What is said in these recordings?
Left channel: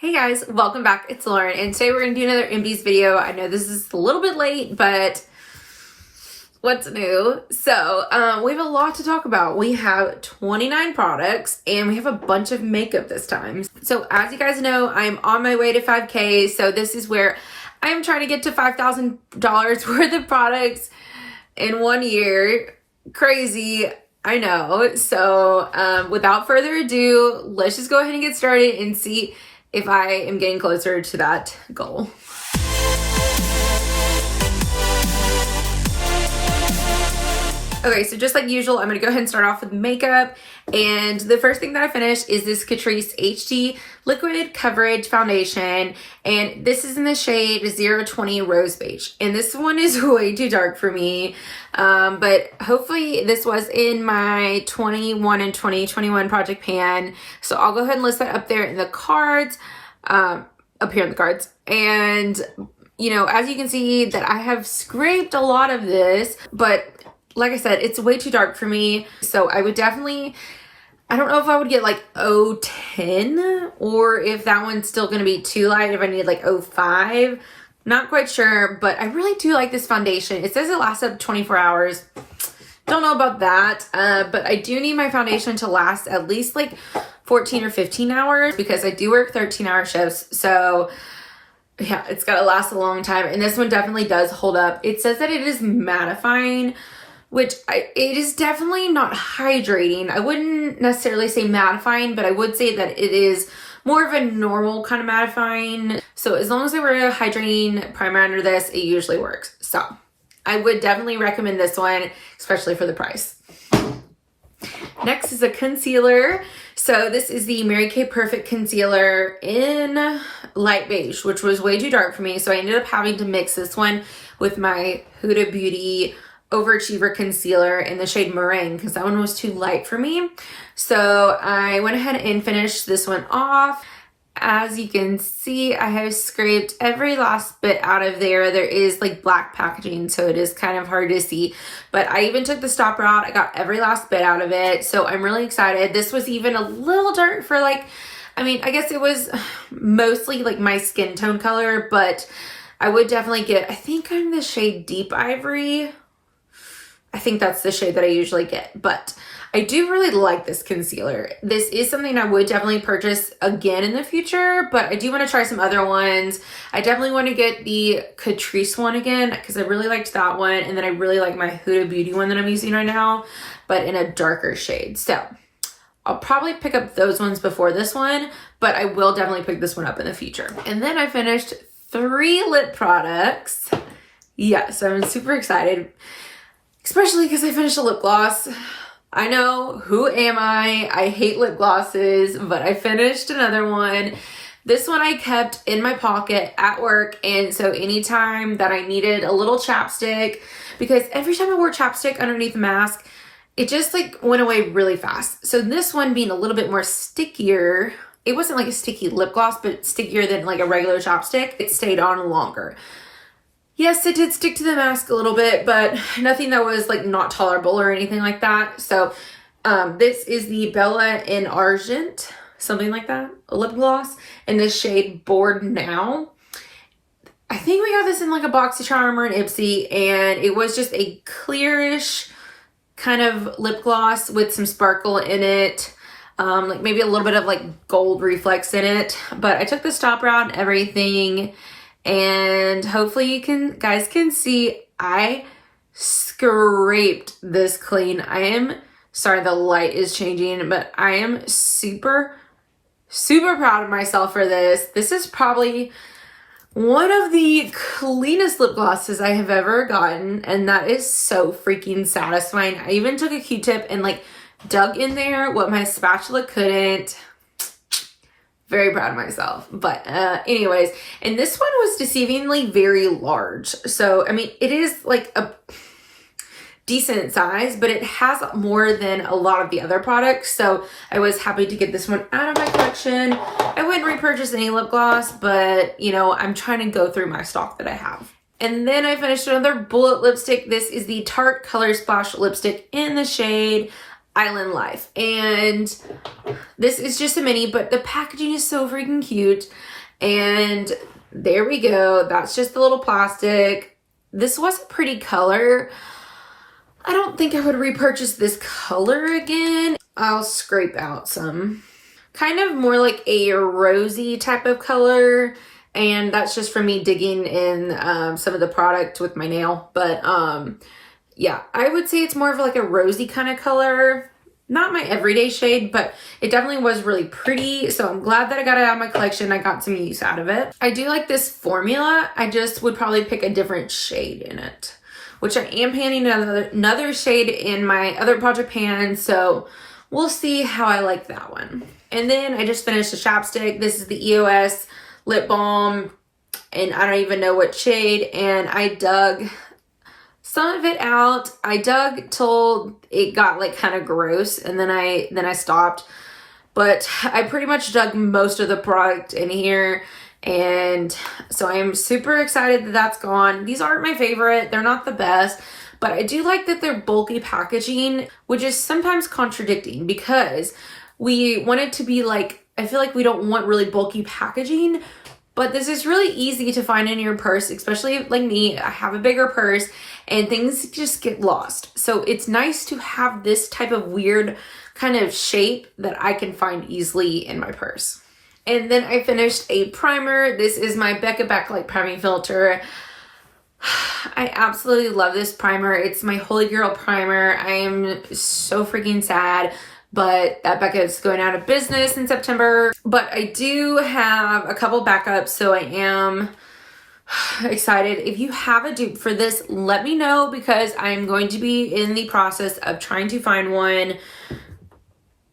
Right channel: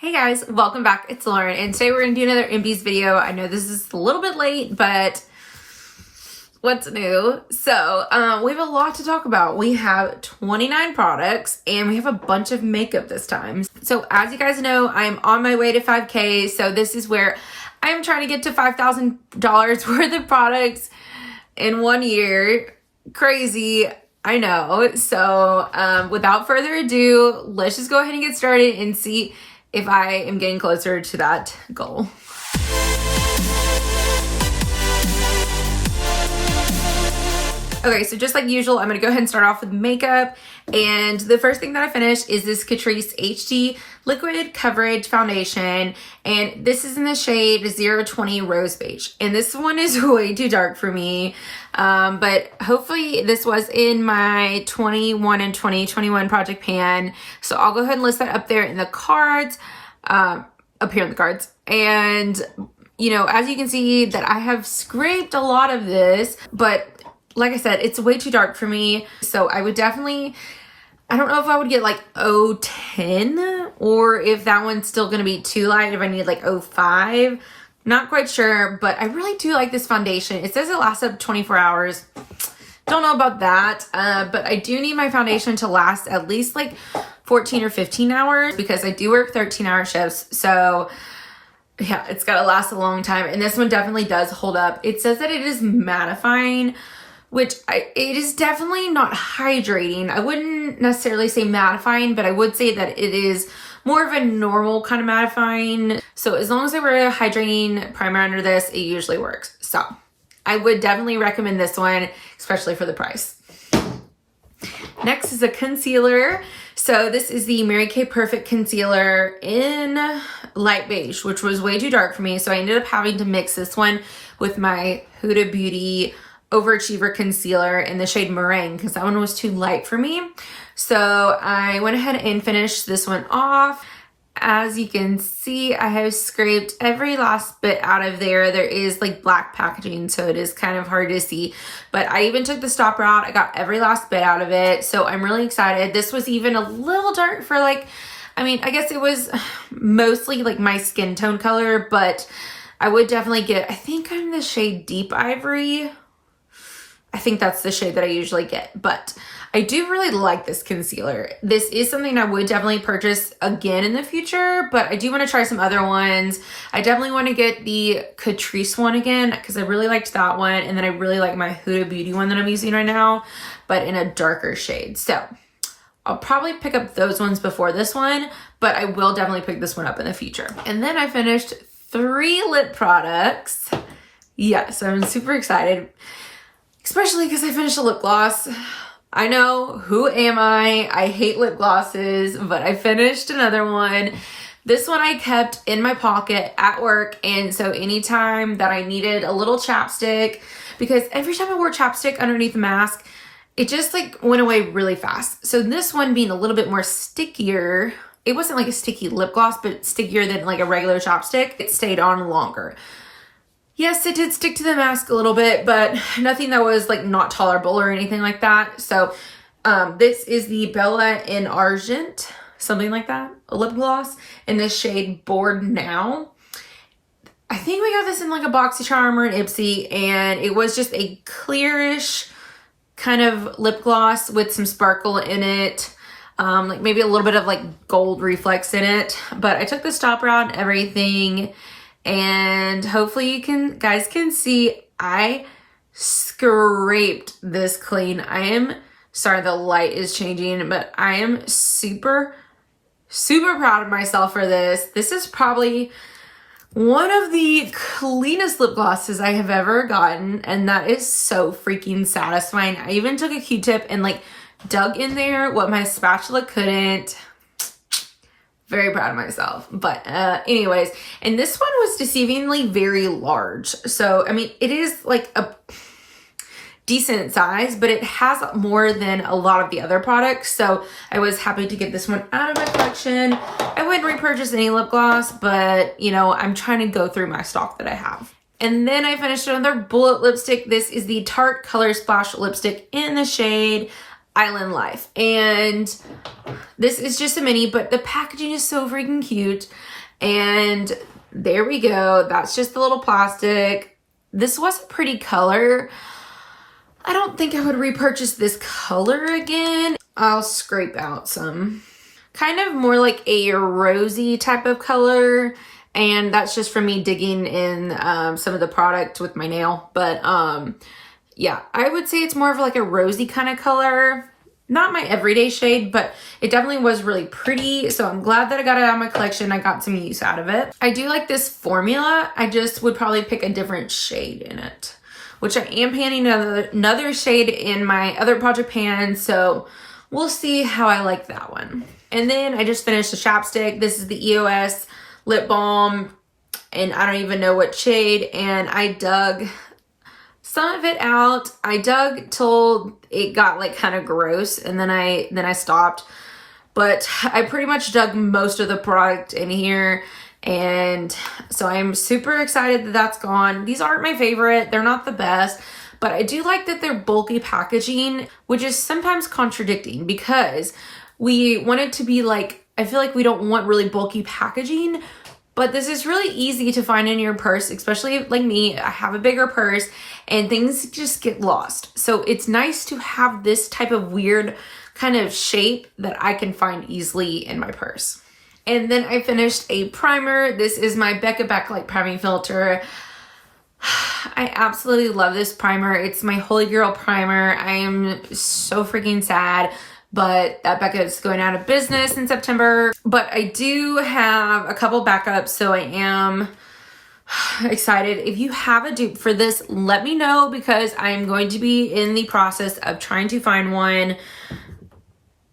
Hey guys, welcome back. It's Lauren, and today we're going to do another Empties video. I know this is a little bit late, but what's new? So, we have a lot to talk about. We have 29 products, and we have a bunch of makeup this time. So, as you guys know, I'm on my way to 5K, so this is where I'm trying to get to $5,000 worth of products in 1 year. Crazy, I know. So, without further ado, let's just go ahead and get started and see if I am getting closer to that goal. Okay, so just like usual, I'm gonna go ahead and start off with makeup. And the first thing that I finished is this Catrice HD Liquid Coverage Foundation. And this is in the shade 020 Rose Beige. And this one is way too dark for me. But hopefully this was in my 21 and 2021 project pan. So I'll go ahead and list that up there in the cards, up here in the cards. And, you know, as you can see that I have scraped a lot of this, but like I said, it's way too dark for me. So I would definitely, I don't know if I would get like 010 or if that one's still going to be too light, if I need like 05. Not quite sure, but I really do like this foundation. It says it lasts up 24 hours. Don't know about that, but I do need my foundation to last at least like 14 or 15 hours because I do work 13-hour shifts. So yeah, it's got to last a long time. And this one definitely does hold up. It says that it is mattifying, which it is definitely not hydrating. I wouldn't necessarily say mattifying, but I would say that it is more of a normal kind of mattifying. So as long as I wear a hydrating primer under this, it usually works. So I would definitely recommend this one, especially for the price. Next is a concealer. So this is the Mary Kay Perfect Concealer in light beige, which was way too dark for me. So I ended up having to mix this one with my Huda Beauty Overachiever Concealer in the shade Meringue because that one was too light for me. So I went ahead and finished this one off. As you can see, I have scraped every last bit out of there. There is like black packaging, so it is kind of hard to see. But I even took the stopper out. I got every last bit out of it. So I'm really excited. This was even a little dark for like, I mean, I guess it was mostly like my skin tone color, but I would definitely get, I think I'm the shade Deep Ivory. I think that's the shade that I usually get, but I do really like this concealer. This is something I would definitely purchase again in the future, but I do want to try some other ones. I definitely want to get the Catrice one again because I really liked that one, and then I really like my Huda Beauty one that I'm using right now, but in a darker shade. So I'll probably pick up those ones before this one, but I will definitely pick this one up in the future. And then I finished 3 lip products. Yes, I'm super excited. Especially because I finished a lip gloss. I know, who am I? I hate lip glosses, but I finished another one. This one I kept in my pocket at work, and so anytime that I needed a little chapstick, because every time I wore chapstick underneath the mask, it just like went away really fast. So this one being a little bit more stickier, it wasn't like a sticky lip gloss, but stickier than like a regular chapstick. It stayed on longer. Yes, it did stick to the mask a little bit, but nothing that was like not tolerable or anything like that. So this is the Belle in Argent, something like that, a lip gloss in the shade Bored Now. I think we got this in like a BoxyCharm or an Ipsy, and it was just a clearish kind of lip gloss with some sparkle in it. Like maybe a little bit of like gold reflex in it. But I took the stopper out and everything. And hopefully you guys can see I scraped this clean. I am sorry the light is changing, but I am super proud of myself for this. This is probably one of the cleanest lip glosses I have ever gotten, and that is so freaking satisfying. I even took a Q-tip and like dug in there what my spatula couldn't. Very proud of myself. But anyways, and this one was deceivingly very large. So, I mean, it is like a decent size, but it has more than a lot of the other products. So I was happy to get this one out of my collection. I wouldn't repurchase any lip gloss, but you know, I'm trying to go through my stock that I have. And then I finished another bullet lipstick. This is the Tarte Color Splash lipstick in the shade Island Life. And this is just a mini, but the packaging is so freaking cute. And there we go. That's just the little plastic. This was a pretty color. I don't think I would repurchase this color again. I'll scrape out some. Kind of more like a rosy type of color. And that's just from me digging in some of the product with my nail. But yeah, I would say it's more of like a rosy kind of color. Not my everyday shade, but it definitely was really pretty. So I'm glad that I got it out of my collection. I got some use out of it. I do like this formula. I just would probably pick a different shade in it, which I am panning another shade in my other project pan. So we'll see how I like that one. And then I just finished the chapstick. This is the EOS Lip Balm, and I don't even know what shade. And I dug some of it out. I dug till it got like kind of gross, and then I stopped. But I pretty much dug most of the product in here, and so I'm super excited that that's gone. These aren't my favorite. They're not the best, but I do like that they're bulky packaging, which is sometimes contradicting because we want it to be like, I feel like we don't want really bulky packaging, but this is really easy to find in your purse, especially like me. I have a bigger purse and things just get lost. So it's nice to have this type of weird kind of shape that I can find easily in my purse. And then I finished a primer. This is my Becca Backlight priming filter. I absolutely love this primer. It's my holy grail primer. I am so freaking sad but that Becca is going out of business in September. But I do have a couple backups, so I am excited. If you have a dupe for this, let me know, because I'm going to be in the process of trying to find one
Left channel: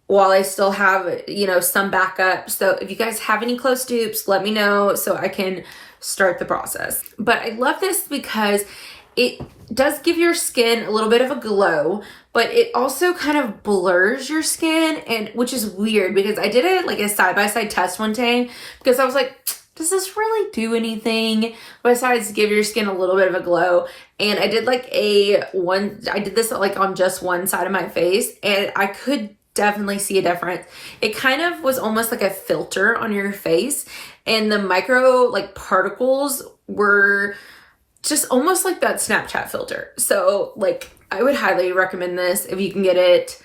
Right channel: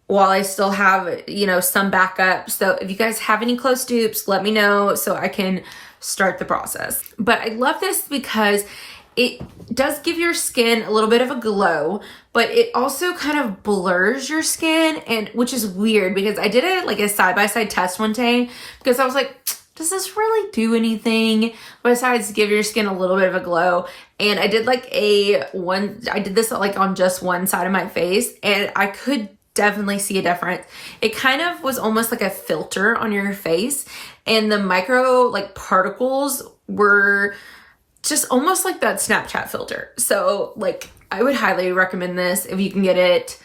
while I still have, you know, some backup. So if you guys have any close dupes, let me know so I can start the process. But I love this because it does give your skin a little bit of a glow, but it also kind of blurs your skin, and which is weird because I did it like a side-by-side test one day because I was like, does this really do anything besides give your skin a little bit of a glow? And I did like I did this like on just one side of my face, and I could definitely see a difference. It kind of was almost like a filter on your face, and the micro like particles were just almost like that Snapchat filter. So like I would highly recommend this if you can get it,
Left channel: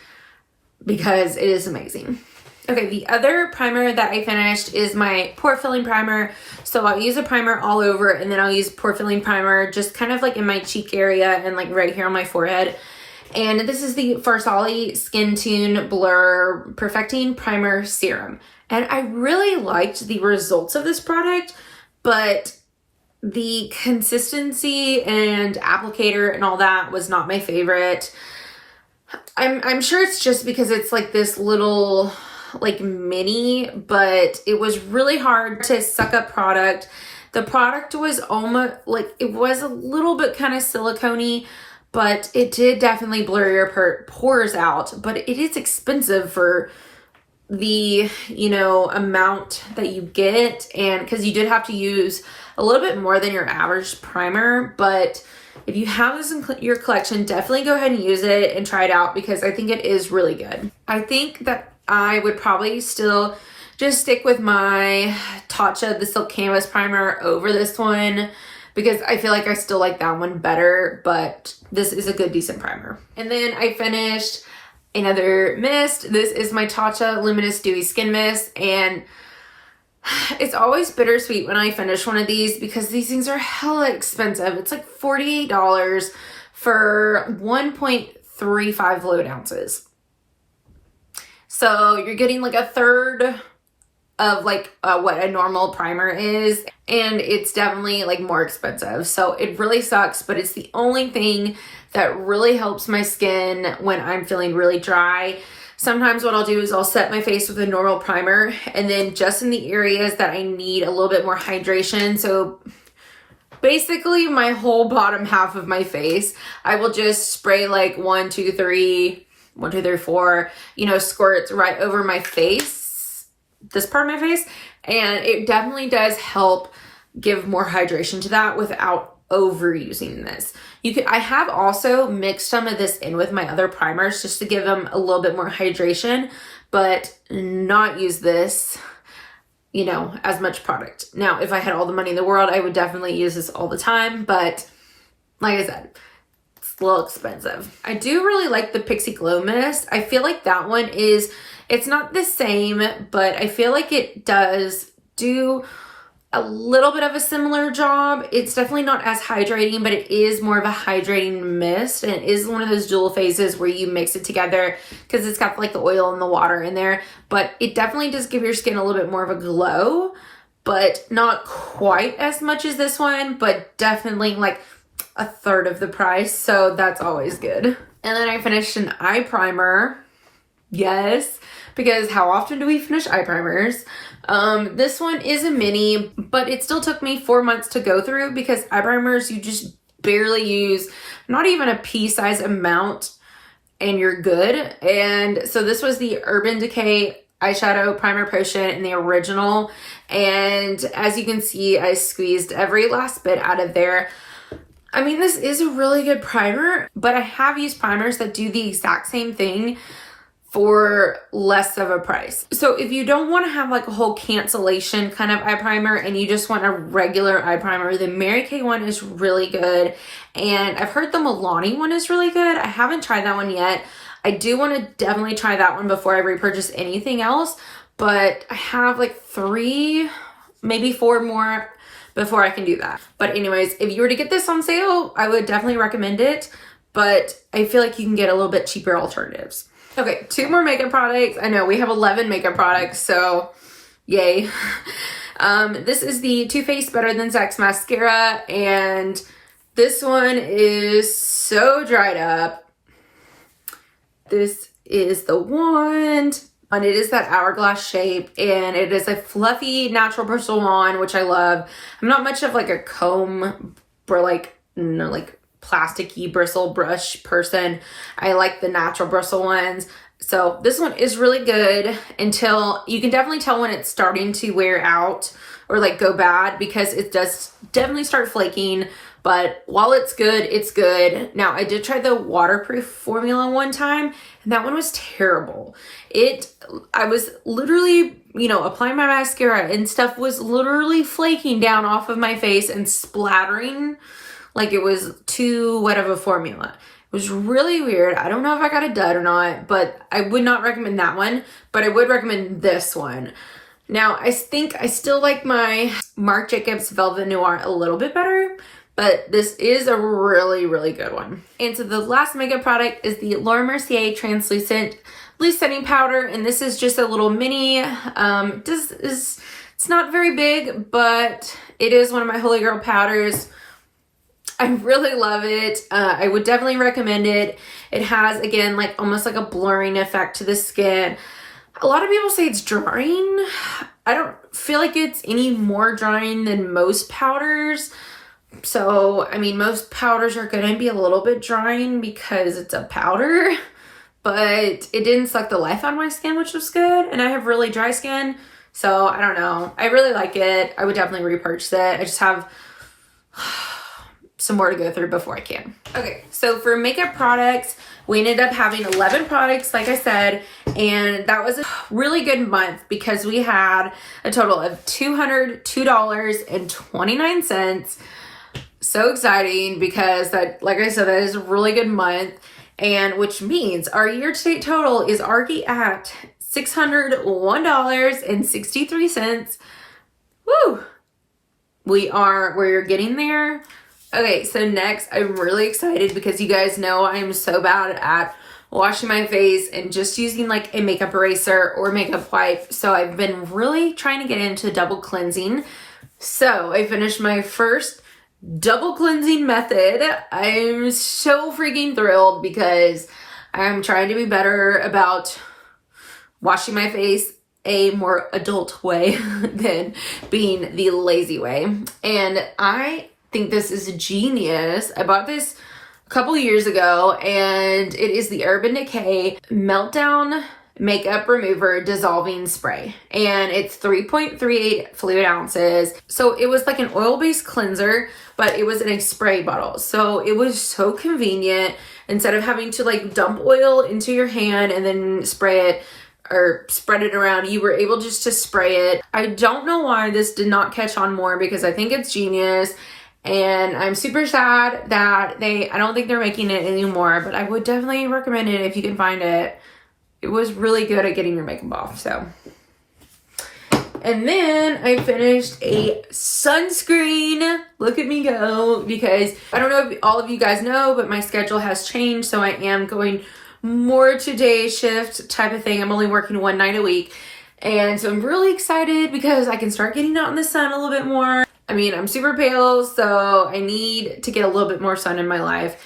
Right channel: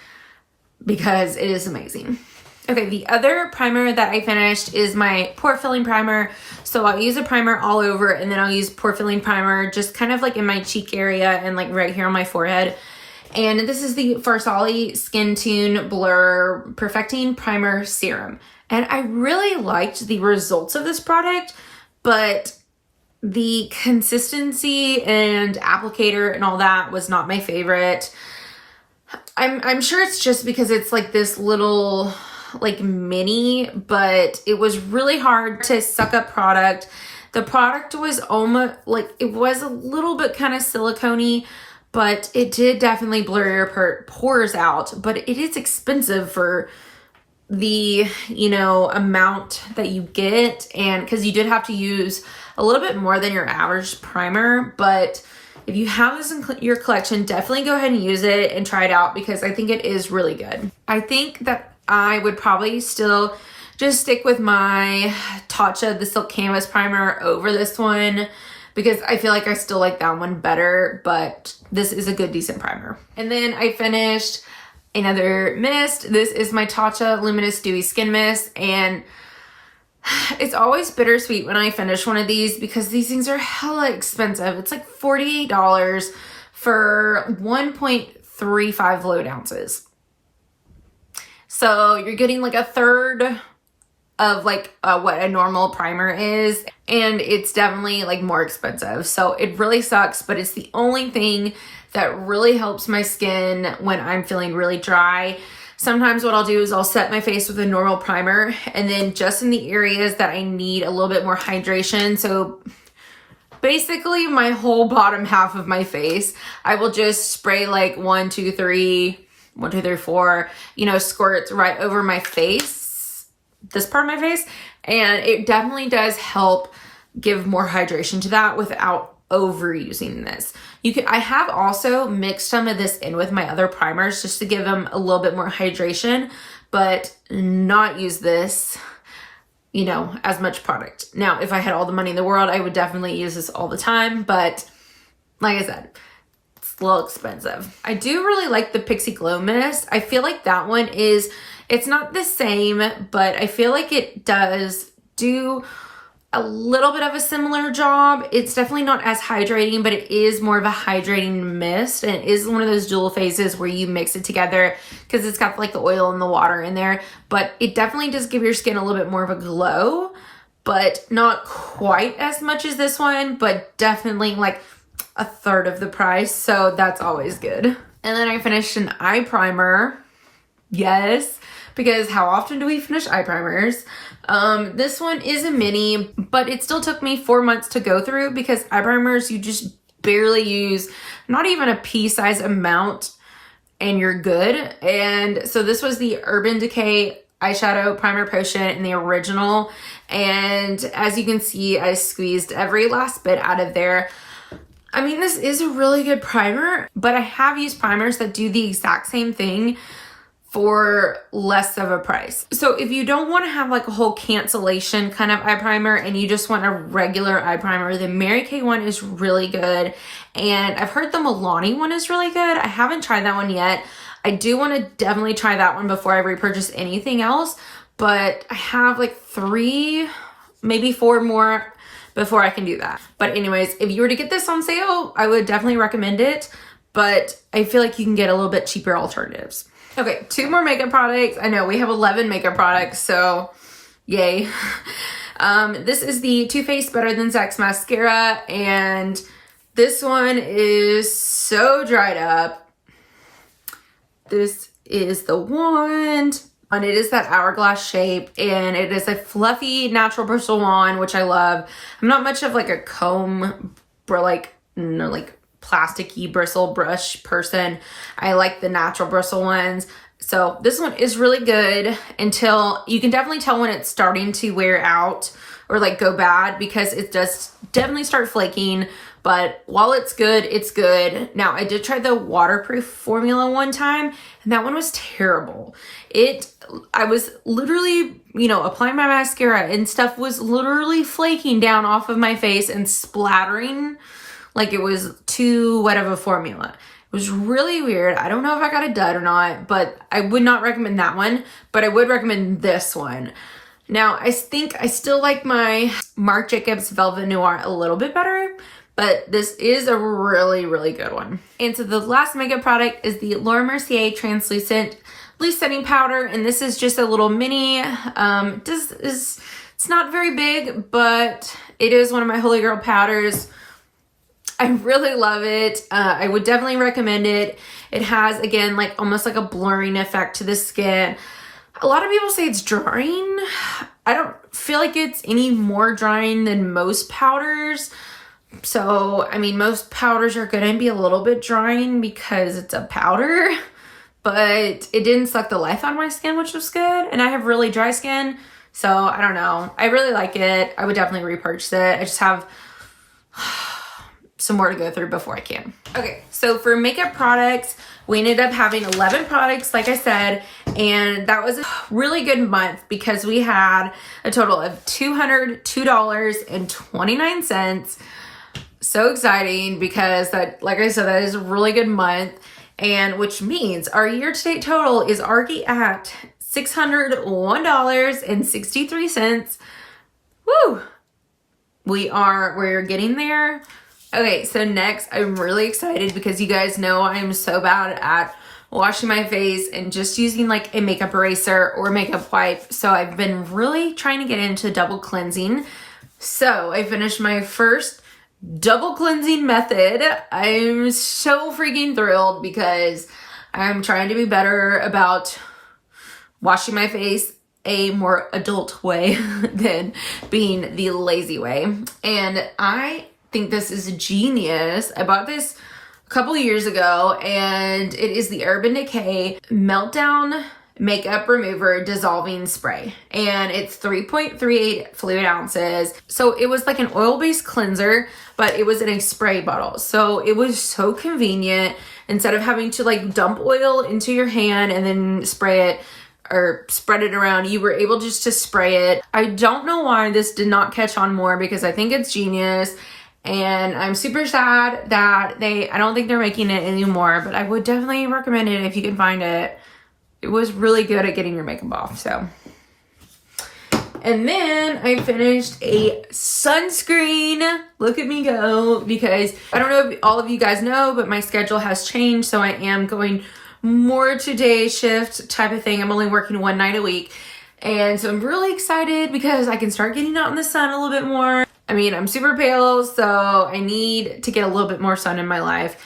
because it is amazing. Okay, the other primer that I finished is my pore filling primer. So I'll use a primer all over, and then I'll use pore filling primer just kind of like in my cheek area and like right here on my forehead. And this is the Farsali Skin Tune Blur Perfecting Primer Serum. And I really liked the results of this product, but the consistency and applicator and all that was not my favorite. I'm sure it's just because it's like this little like mini, but it was really hard to suck up product. The product was almost like, it was a little bit kind of silicone-y, but it did definitely blur your pores out. But it is expensive for the, you know, amount that you get, and because you did have to use a little bit more than your average primer. But if you have this in your collection, definitely go ahead and use it and try it out, because I think it is really good. I think that I would probably still just stick with my Tatcha, the Silk Canvas Primer, over this one, because I feel like I still like that one better, but this is a good, decent primer. And then I finished another mist. This is my Tatcha Luminous Dewy Skin Mist, and it's always bittersweet when I finish one of these because these things are hella expensive. It's like $48 for 1.35 fluid ounces. So you're getting like a third of like what a normal primer is, and it's definitely like more expensive. So it really sucks, but it's the only thing that really helps my skin when I'm feeling really dry. Sometimes what I'll do is I'll set my face with a normal primer, and then just in the areas that I need a little bit more hydration, so basically my whole bottom half of my face, I will just spray like 1, 2, 3, 4, you know, squirts right over my face, this part of my face, and it definitely does help give more hydration to that without overusing this. I have also mixed some of this in with my other primers just to give them a little bit more hydration, but not use this, you know, as much product. Now, if I had all the money in the world, I would definitely use this all the time, but like I said, it's a little expensive. I do really like the Pixie Glow Mist. I feel like that one it's not the same, but I feel like it does do a little bit of a similar job. It's definitely not as hydrating, but it is more of a hydrating mist, and it is one of those dual phases where you mix it together because it's got like the oil and the water in there, but it definitely does give your skin a little bit more of a glow, but not quite as much as this one, but definitely like a third of the price, so that's always good. And then I finished an eye primer. Yes, because how often do we finish eye primers? This one is a mini, but it still took me 4 months to go through because eye primers, you just barely use not even a pea-size amount and you're good. And so this was the Urban Decay eyeshadow primer potion in the original. And as you can see, I squeezed every last bit out of there. I mean, this is a really good primer, but I have used primers that do the exact same thing for less of a price. So if you don't want to have like a whole cancellation kind of eye primer and you just want a regular eye primer, the Mary Kay one is really good. And I've heard the Milani one is really good. I haven't tried that one yet. I do want to definitely try that one before I repurchase anything else, but I have like 3, maybe 4 more before I can do that. But anyways, if you were to get this on sale, I would definitely recommend it, but I feel like you can get a little bit cheaper alternatives. Okay, 2 more makeup products. I know we have 11 makeup products, so yay. This is the Too Faced Better Than Sex mascara, and this one is so dried up. This is the wand, and it is that hourglass shape, and it is a fluffy natural bristle wand, which I love. I'm not much of like a comb or like, you know, like plasticky bristle brush person. I like the natural bristle ones. So this one is really good until you can definitely tell when it's starting to wear out or like go bad, because it does definitely start flaking. But while it's good, it's good. Now, I did try the waterproof formula one time, and that one was terrible. I was literally, you know, applying my mascara and stuff was literally flaking down off of my face and splattering like it was too wet of a formula. It was really weird. I don't know if I got a dud or not, but I would not recommend that one, but I would recommend this one. Now, I think I still like my Marc Jacobs Velvet Noir a little bit better, but this is a really, really good one. And so the last makeup product is the Laura Mercier Translucent Loose Setting Powder, and this is just a little mini. It's not very big, but it is one of my holy grail powders. I really love it. I would definitely recommend it. It has, again, like almost like a blurring effect to the skin. A lot of people say it's drying. I don't feel like it's any more drying than most powders. So, I mean, most powders are going to be a little bit drying because it's a powder, but it didn't suck the life out of my skin, which was good. And I have really dry skin, so I don't know. I really like it. I would definitely repurchase it. I just have some more to go through before I can. Okay, so for makeup products, we ended up having 11 products, like I said, and that was a really good month because we had a total of $202.29. So exciting because that, like I said, that is a really good month, and which means our year-to-date total is already at $601.63. Woo! We're getting there. Okay, so next, I'm really excited because you guys know I'm so bad at washing my face and just using like a makeup eraser or makeup wipe. So I've been really trying to get into double cleansing. So I finished my first double cleansing method. I'm so freaking thrilled because I'm trying to be better about washing my face a more adult way than being the lazy way. And I think this is genius. I bought this a couple years ago, and it is the Urban Decay Meltdown makeup remover dissolving spray, and it's 3.38 fluid ounces. So it was like an oil-based cleanser, but it was in a spray bottle. So it was so convenient. Instead of having to like dump oil into your hand and then spray it or spread it around, you were able just to spray it. I don't know why this did not catch on more, because I think it's genius. And I'm super sad that I don't think they're making it anymore, but I would definitely recommend it if you can find it. It was really good at getting your makeup off, so. And then I finished a sunscreen. Look at me go, because I don't know if all of you guys know, but my schedule has changed, so I am going more to day shift type of thing. I'm only working one night a week. And so I'm really excited because I can start getting out in the sun a little bit more. I mean, I'm super pale, so I need to get a little bit more sun in my life.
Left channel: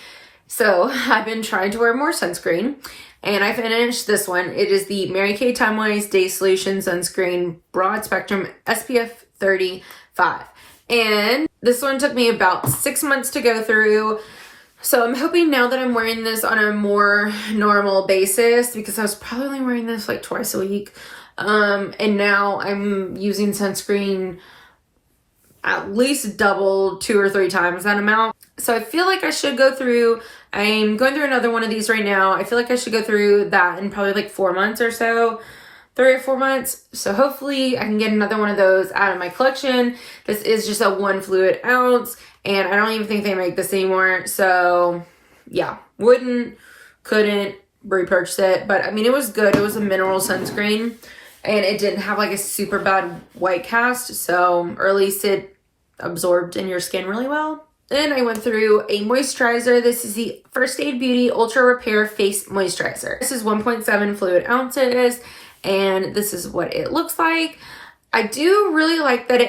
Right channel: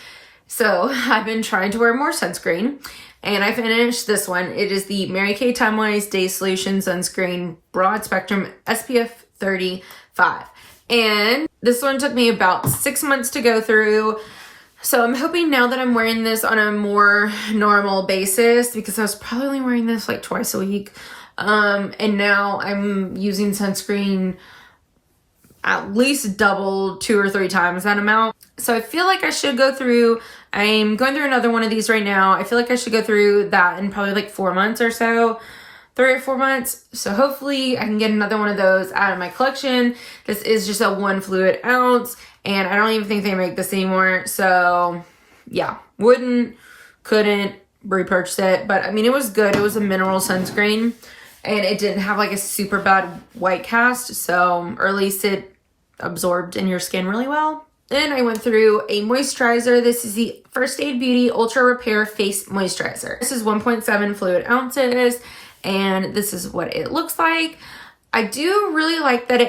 So I've been trying to wear more sunscreen, and I finished this one. It is the Mary Kay Timewise Day Solution Sunscreen Broad Spectrum SPF 35. And this one took me about 6 months to go through. So I'm hoping now that I'm wearing this on a more normal basis, because I was probably only wearing this like twice a week. And now I'm using sunscreen at least double, 2 or 3 times that amount. So I feel like I should go through, I'm going through another one of these right now. I feel like I should go through that in probably like 4 months or so, 3 or 4 months. So hopefully I can get another one of those out of my collection. This is just a 1 fluid ounce, and I don't even think they make this anymore. So yeah, couldn't repurchase it. But I mean, it was good. It was a mineral sunscreen, and it didn't have like a super bad white cast. So, or at least it absorbed in your skin really well. Then I went through a moisturizer. This is the First Aid Beauty Ultra Repair Face Moisturizer. This is 1.7 fluid ounces, and this is what it looks like. I do really like that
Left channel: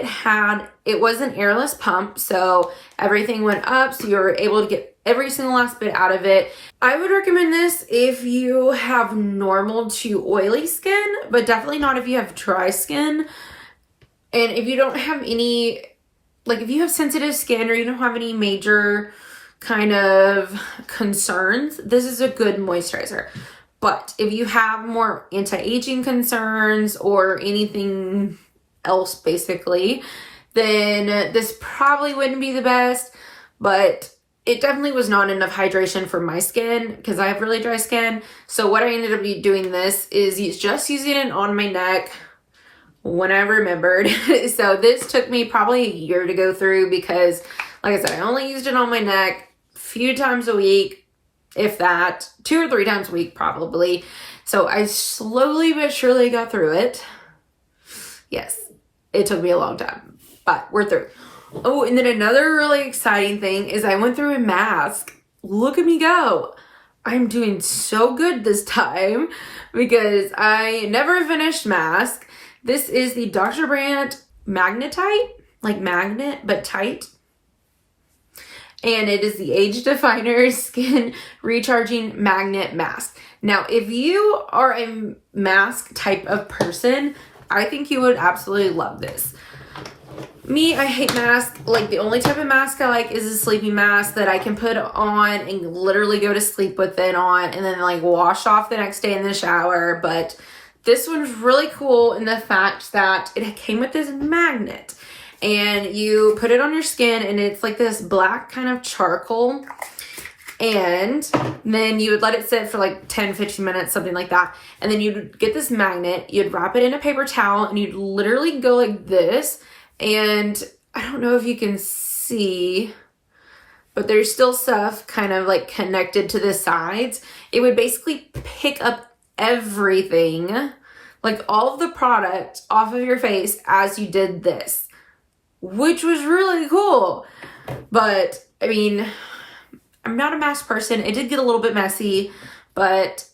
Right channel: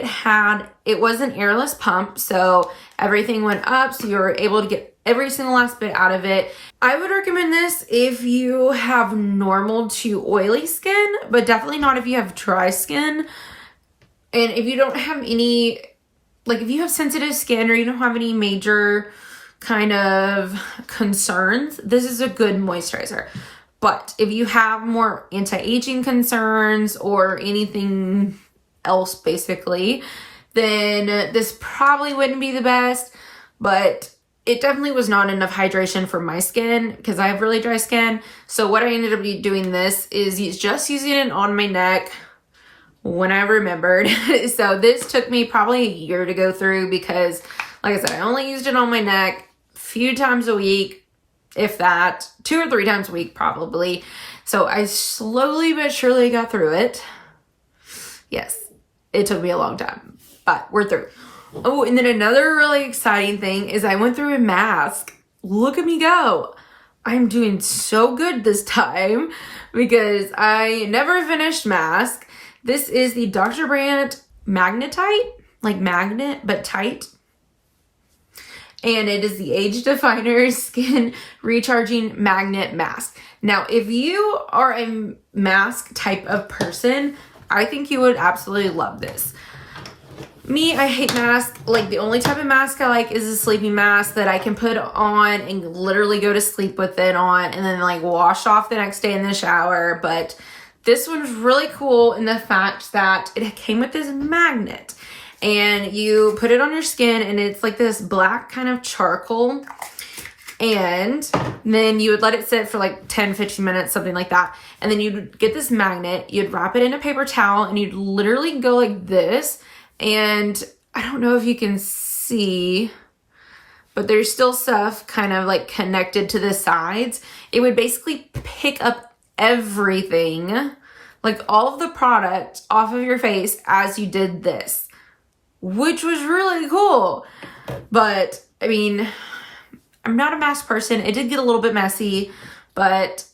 it was an airless pump, so everything went up, so you were able to get every single last bit out of it. I would recommend this if you have normal to oily skin, but definitely not if you have dry skin. And if you don't have any, like if you have sensitive skin or you don't have any major kind of concerns, this is a good moisturizer. But if you have more anti-aging concerns or anything else basically, then this probably wouldn't be the best. But it definitely was not enough hydration for my skin, because I have really dry skin. So what I ended up doing this is just using it on my neck when I remembered. So this took me probably a year to go through, because like I said, I only used it on my neck a few times a week, if that, 2 or 3 times a week probably. So I slowly but surely got through it. Yes, it took me a long time, but we're through. Oh, and then another really exciting thing is I went through a mask. Look at me go. I'm doing so good this time, because I never finished mask. This is the Dr. Brandt Magnetite, like magnet, but tight. And it is the Age Definer Skin Recharging Magnet Mask. Now, if you are a mask type of person, I think you would absolutely love this. Me, I hate masks. Like, the only type of mask I like is a sleeping mask that I can put on and literally go to sleep with it on and then like wash off the next day in the shower. But this one's really cool in the fact that it came with this magnet, and you put it on your skin and it's like this black kind of charcoal, and then you would let it sit for like 10-15 minutes, something like that. And then you'd get this magnet, you'd wrap it in a paper towel, and you'd literally go like this. And I don't know if you can see, but there's still stuff kind of like connected to the sides. It would basically pick up everything, like all of the product off of your face as you did this, which was really cool. But I mean, I'm not a mask person. It did get a little bit messy, but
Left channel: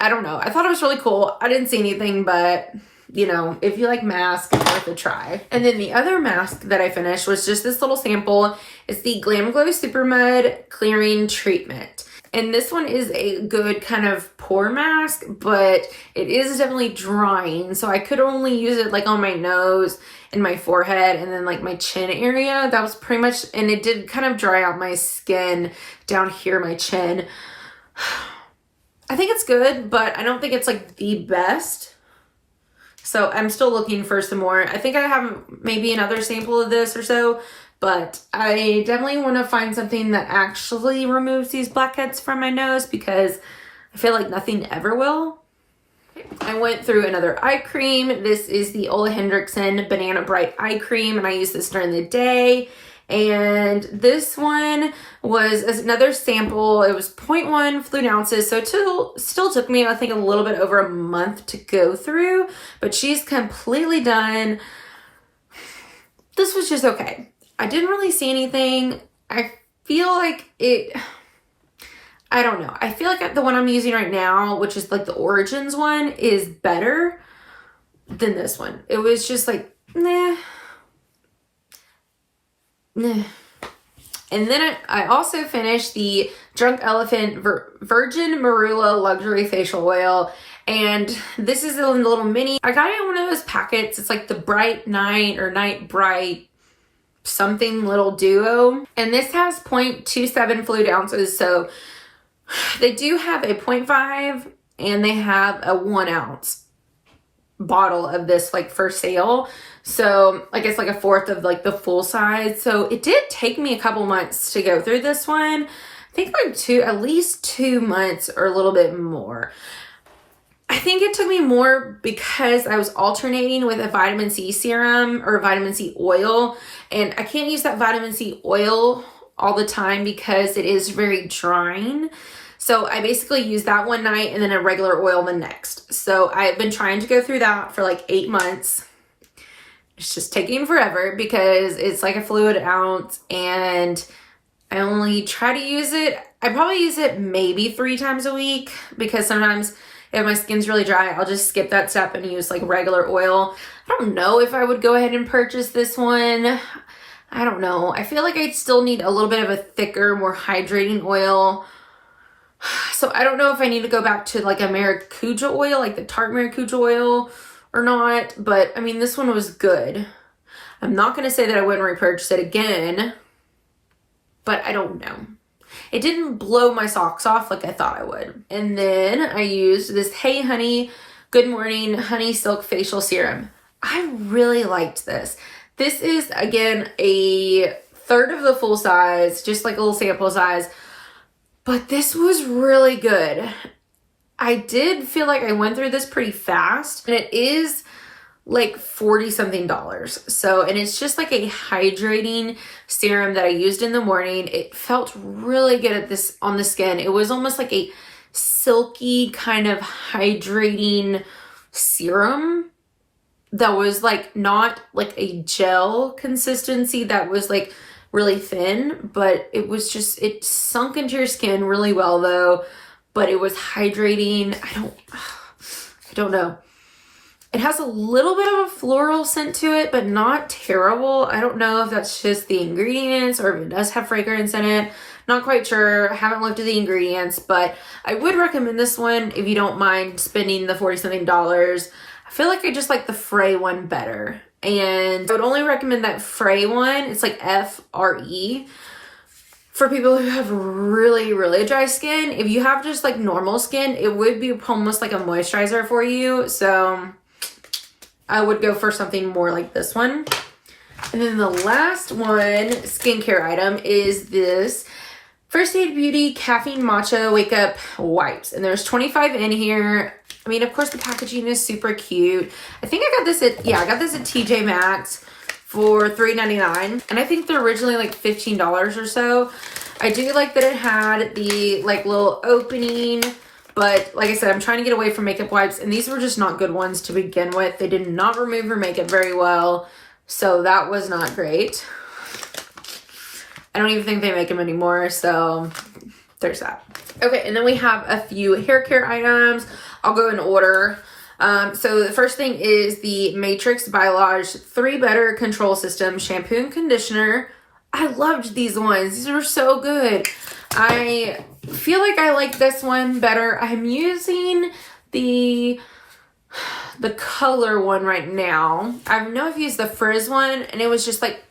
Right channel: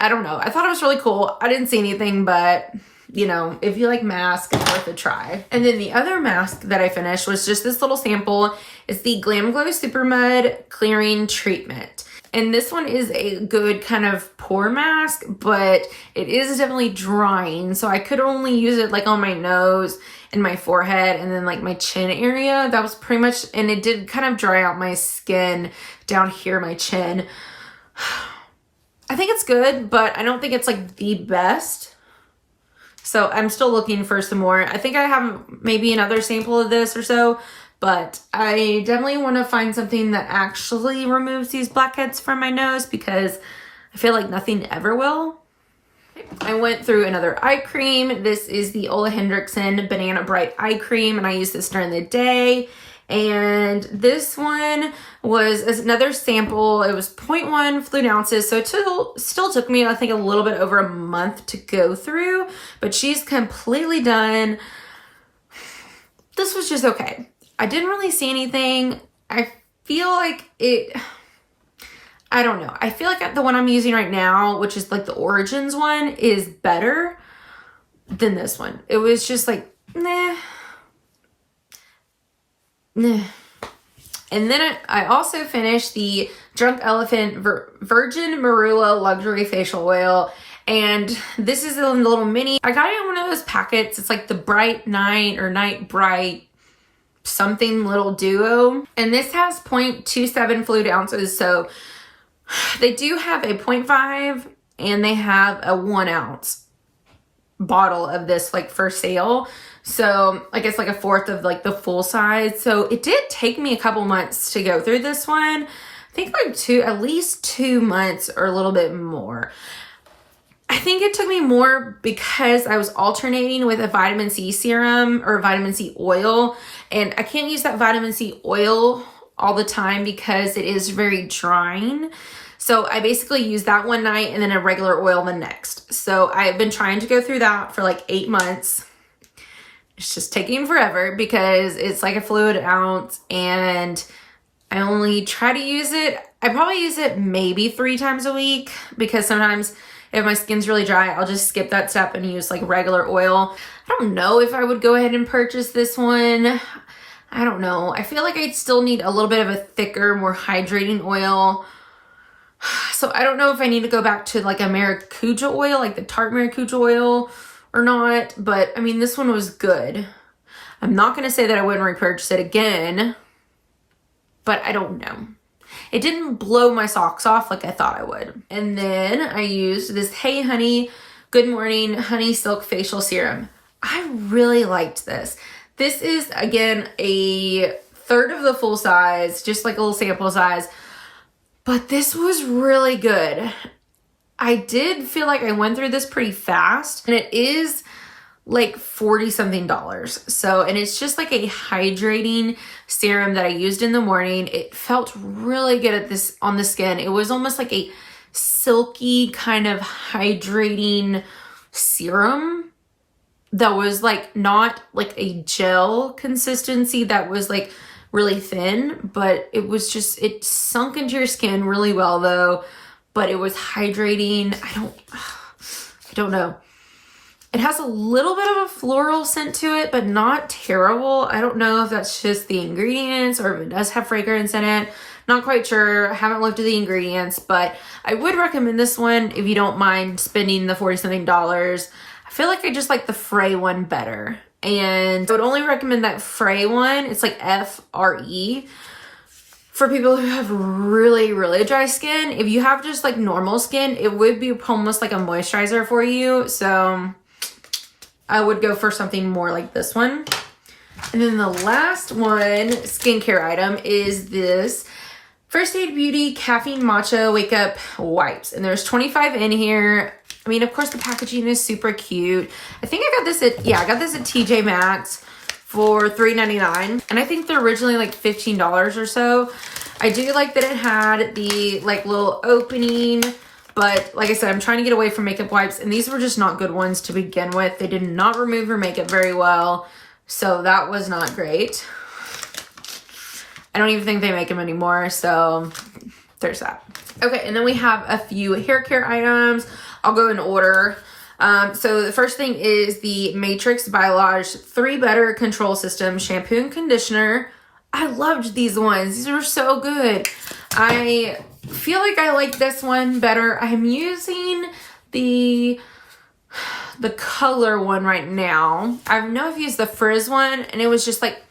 I don't know. I thought it was really cool. I didn't see anything, but you know, if you like masks, it's worth a try. And then the other mask that I finished was just this little sample. It's the Glamglow Supermud Clearing Treatment. And this one is a good kind of pore mask, but it is definitely drying. So I could only use it like on my nose and my forehead and then like my chin area. That was pretty much, and it did kind of dry out my skin down here, my chin. I think it's good, but I don't think it's like the best. So I'm still looking for some more. I think I have maybe another sample of this or so, but I definitely want to find something that actually removes these blackheads from my nose because I feel like nothing ever will. I went through another eye cream. This is the OleHenriksen Banana Bright Eye Cream, and I use this during the day. And this one was another sample. It was 0.1 fluid ounces, so it still took me, I think, a little bit over a month to go through, but she's completely done. This was just okay. I didn't really see anything. I feel like I don't know. I feel like the one I'm using right now, which is like the Origins one, is better than this one. It was just like, nah. And then I also finished the Drunk Elephant Virgin Marula Luxury Facial Oil. And this is a little mini. I got it in one of those packets. It's like the Bright Night or Night Bright something little duo. And this has 0.27 fluid ounces. So they do have a 0.5 and they have a 1 ounce bottle of this like for sale. So I guess like a fourth of like the full size. So it did take me a couple months to go through this one. I think like at least 2 months or a little bit more. I think it took me more because I was alternating with a vitamin C serum or vitamin C oil. And I can't use that vitamin C oil all the time because it is very drying. So I basically use that one night and then a regular oil the next. So I've been trying to go through that for like 8 months. It's just taking forever because it's like a fluid ounce and I only try to use it. I probably use it maybe 3 times a week because sometimes if my skin's really dry, I'll just skip that step and use like regular oil. I don't know if I would go ahead and purchase this one. I don't know. I feel like I'd still need a little bit of a thicker, more hydrating oil. So I don't know if I need to go back to like a maracuja oil, like the Tarte maracuja oil or not. But I mean, this one was good. I'm not going to say that I wouldn't repurchase it again, but I don't know. It didn't blow my socks off like I thought I would. And then I used this Hey Honey Good Morning Honey Silk Facial Serum. I really liked this. This is, again, a third of the full size, just like a little sample size. But this was really good. I did feel like I went through this pretty fast. And it is like $40 something. So, and it's just like a hydrating serum that I used in the morning. It felt really good at this on the skin. It was almost like a silky kind of hydrating serum that was like not like a gel consistency that was like really thin, but it was just, it sunk into your skin really well though, but it was hydrating. I don't know. It has a little bit of a floral scent to it, but not terrible. I don't know if that's just the ingredients or if it does have fragrance in it. Not quite sure. I haven't looked at the ingredients, but I would recommend this one if you don't mind spending the $40 something. I feel like I just like the Frey one better. And I would only recommend that Frey one. It's like F-R-E. For people who have really, really dry skin. If you have just like normal skin, it would be almost like a moisturizer for you. So I would go for something more like this one. And then the last one, skincare item, is this First Aid Beauty Caffeine Matcha Wake Up Wipes. And there's 25 in here. I mean, of course, the packaging is super cute. I think I got this at, I got this at TJ Maxx for $3.99. And I think they're originally like $15 or so. I do like that it had the like little opening. But like I said, I'm trying to get away from makeup wipes. And these were just not good ones to begin with. They did not remove your makeup very well. So that was not great. I don't even think they make them anymore. So there's that. Okay, and then we have a few hair care items. I'll go in order. So the first thing is the Matrix Biolage 3 Better Control System Shampoo and Conditioner. I loved these ones. These were so good. I feel like I like this one better. I'm using the color one right now. I know I've used the frizz one and it was just like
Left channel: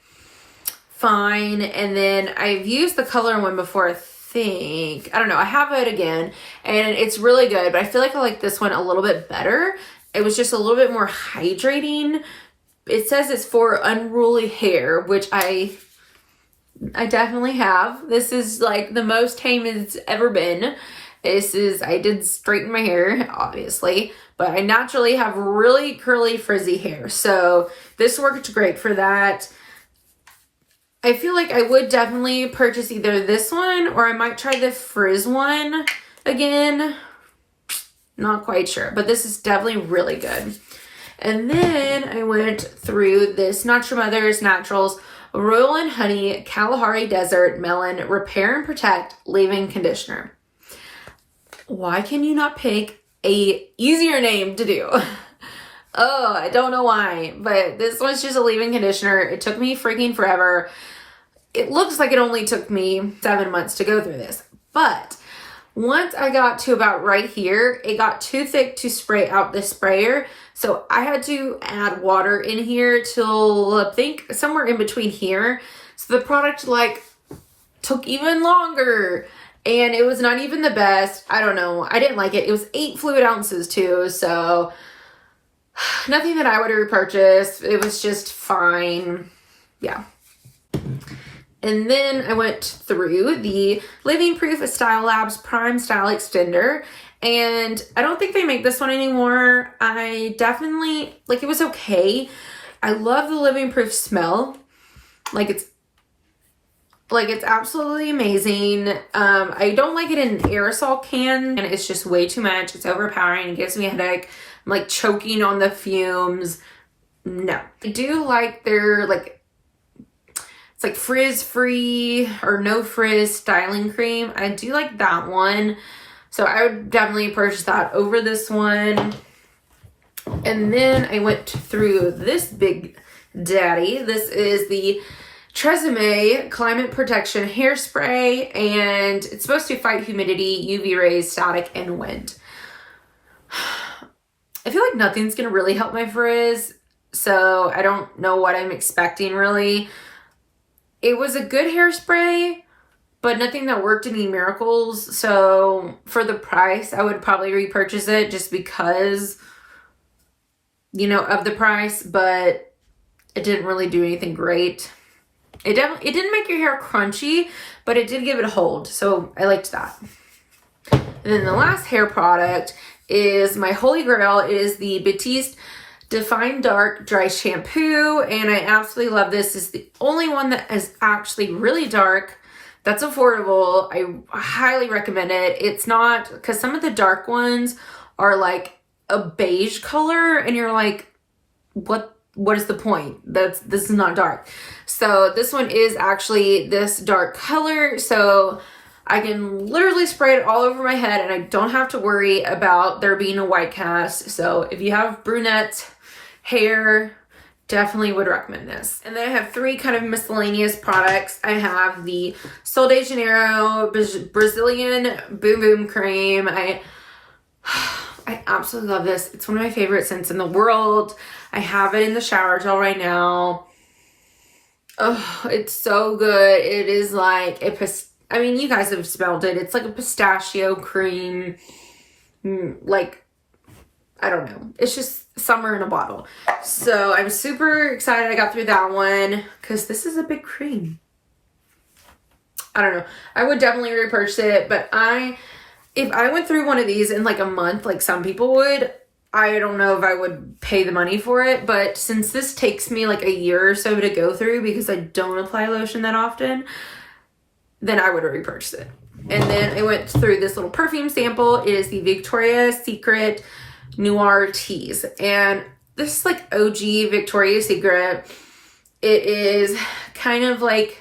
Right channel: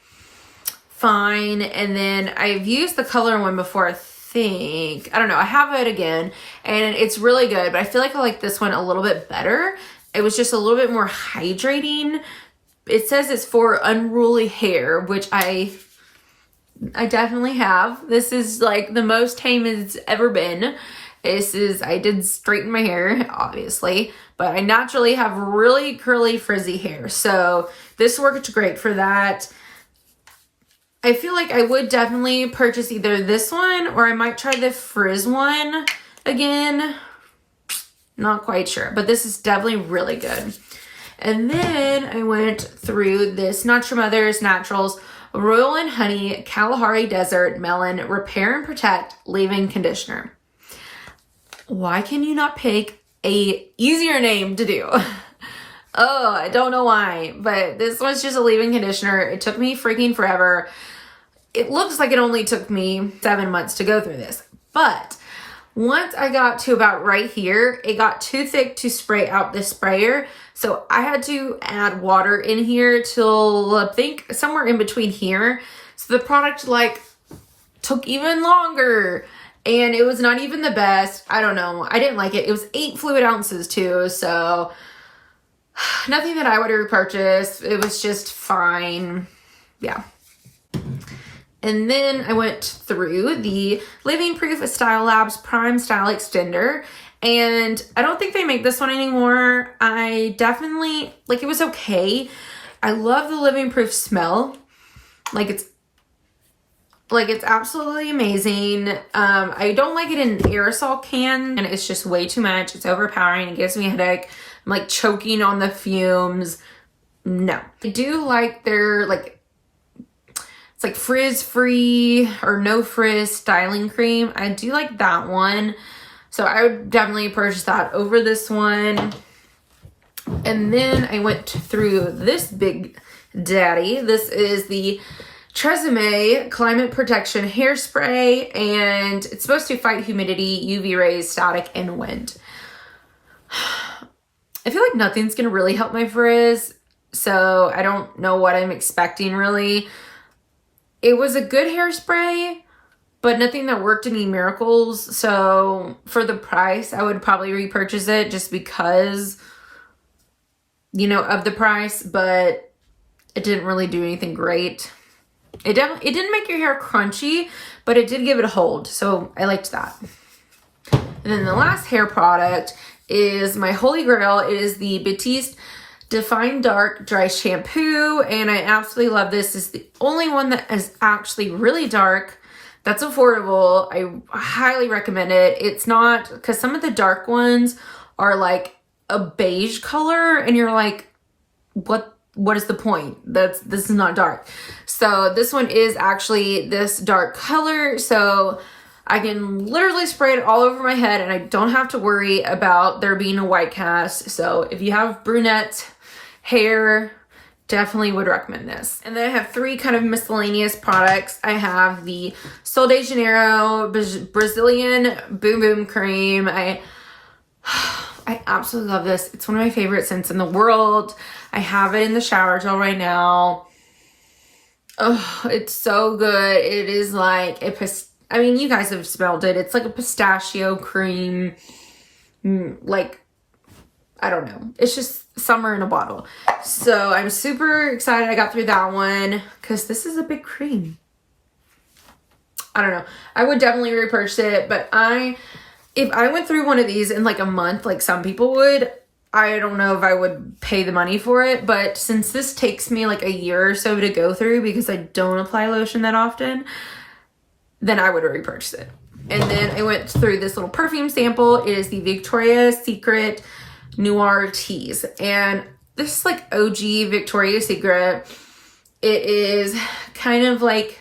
fine. And then I've used the color one before. I think, I don't know, I have it again and it's really good, but I feel like I like this one a little bit better. It was just a little bit more hydrating. It says it's for unruly hair, which I definitely have. This is like the most tame it's ever been. I did straighten my hair, obviously, but I naturally have really curly, frizzy hair. So this worked great for that. I feel like I would definitely purchase either this one or I might try the frizz one again. Not quite sure, but this is definitely really good. And then I went through this Not Your Mother's Naturals Royal and Honey Kalahari Desert Melon Repair and Protect Leave-In Conditioner. Why can you not pick a easier name to do? Oh, I don't know why, but this was just a leave-in conditioner. It took me freaking forever. It looks like it only took me 7 months to go through this, but once I got to about right here, it got too thick to spray out the sprayer. So I had to add water in here till I think somewhere in between here. So the product like took even longer and it was not even the best. I don't know. I didn't like it. It was 8 fluid ounces too. So nothing that I would repurchase. It was just fine. Yeah. And then I went through the Living Proof Style Labs Prime Style Extender. And I don't think they make this one anymore. I definitely, like, it was okay. I love the Living Proof smell. It's absolutely amazing. I don't like it in an aerosol can, and it's just way too much. It's overpowering. It gives me a headache. I'm like choking on the fumes. No. I do like their it's like frizz free or no frizz styling cream. I do like that one. So I would definitely purchase that over this one. And then I went through this big daddy. This is the Tresemme Climate Protection Hairspray, and it's supposed to fight humidity, UV rays, static, and wind. I feel like nothing's going to really help my frizz, so I don't know what I'm expecting really. It was a good hairspray, but nothing that worked any miracles. So for the price, I would probably repurchase it just because, you know, of the price, but it didn't really do anything great. It didn't make your hair crunchy, but it did give it a hold. So I liked that. And then the last hair product is my holy grail. It is the Batiste Define Dark Dry Shampoo. And I absolutely love this. It's the only one that is actually really dark. That's affordable. I highly recommend it. It's not, because some of the dark ones are like a beige color and you're like, what is the point? This is not dark. So this one is actually this dark color. So I can literally spray it all over my head and I don't have to worry about there being a white cast. So if you have brunette hair, definitely would recommend this. And then I have 3 kind of miscellaneous products. I have the Sol de Janeiro Brazilian Boom Boom Cream. I absolutely love this. It's one of my favorite scents in the world. I have it in the shower gel right now. Oh, it's so good. It is like I mean, you guys have smelled it. It's like a pistachio cream. Like, I don't know. It's just summer in a bottle. So I'm super excited I got through that one because this is a big cream. I don't know. I would definitely repurchase it, but if I went through one of these in like a month, like some people would, I don't know if I would pay the money for it. But since this takes me like a year or so to go through because I don't apply lotion that often, then I would repurchase it. And then I went through this little perfume sample. It is the Victoria's Secret Noir Tease. And this is like OG Victoria's Secret. It is kind of like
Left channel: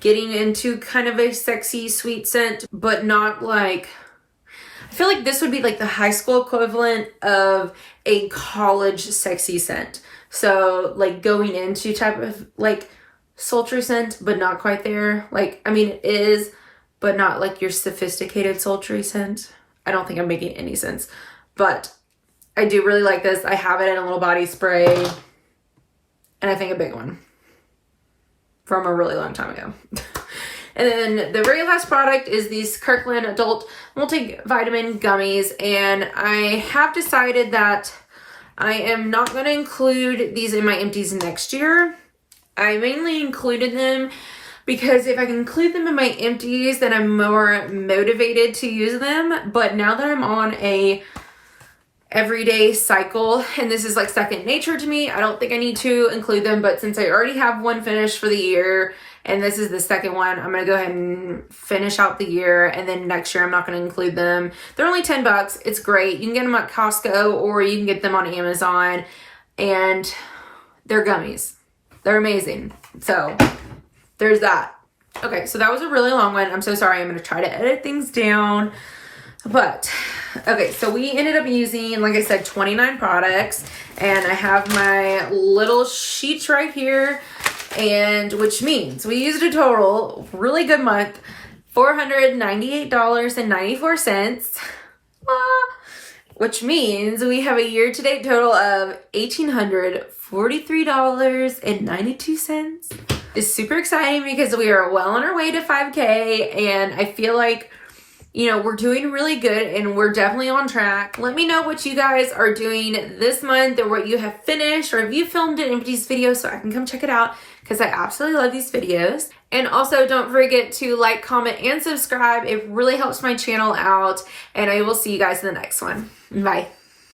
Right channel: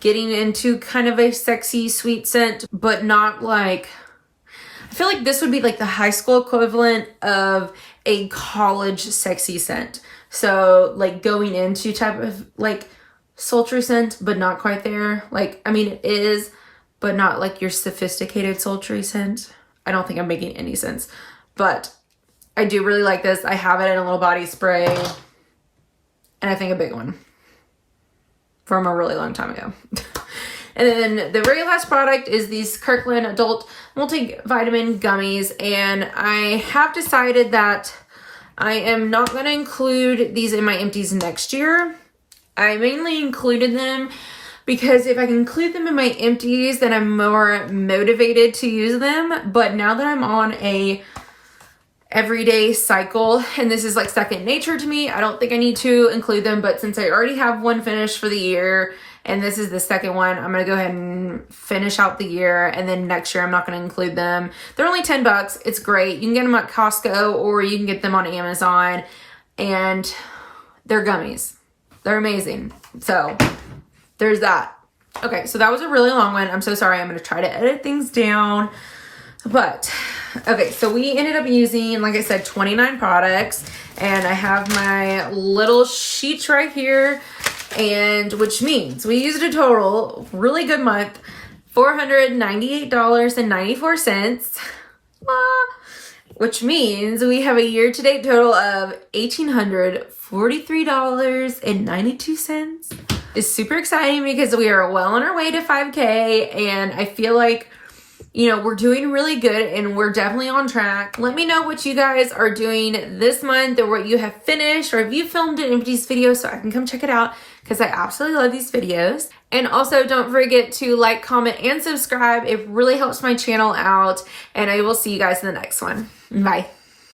getting into kind of a sexy sweet scent, but not like, I feel like this would be like the high school equivalent of a college sexy scent. So like going into type of like sultry scent, but not quite there. Like, I mean, it is, but not like your sophisticated sultry scent. I don't think I'm making any sense, but I do really like this. I have it in a little body spray, and I think a big one from a really long time ago. And then the very last product is these Kirkland Adult Multivitamin Gummies. And I have decided that I am not going to include these in my empties next year. I mainly included them because if I can include them in my empties, then I'm more motivated to use them. But now that I'm on a everyday cycle and this is like second nature to me, I don't think I need to include them. But since I already have one finished for the year and this is the second one, I'm going to go ahead and finish out the year. And then next year, I'm not going to include them. They're only $10. It's great. You can get them at Costco or you can get them on Amazon. And they're gummies. They're amazing. So there's that. Okay, so that was a really long one. I'm so sorry. I'm going to try to edit things down. But, okay, so we ended up using, like I said, 29 products. And I have my little sheets right here. And which means we used a total, really good month, $498.94. Which means we have a year-to-date total of $1,843.92. It's super exciting because we are well on our way to 5K, and I feel like, you know, we're doing really good and we're definitely on track. Let me know what you guys are doing this month or what you have finished, or if you filmed an empties video so I can come check it out because I absolutely love these videos. And also don't forget to like, comment, and subscribe. It really helps my channel out, and I will see you guys in the next one. Bye.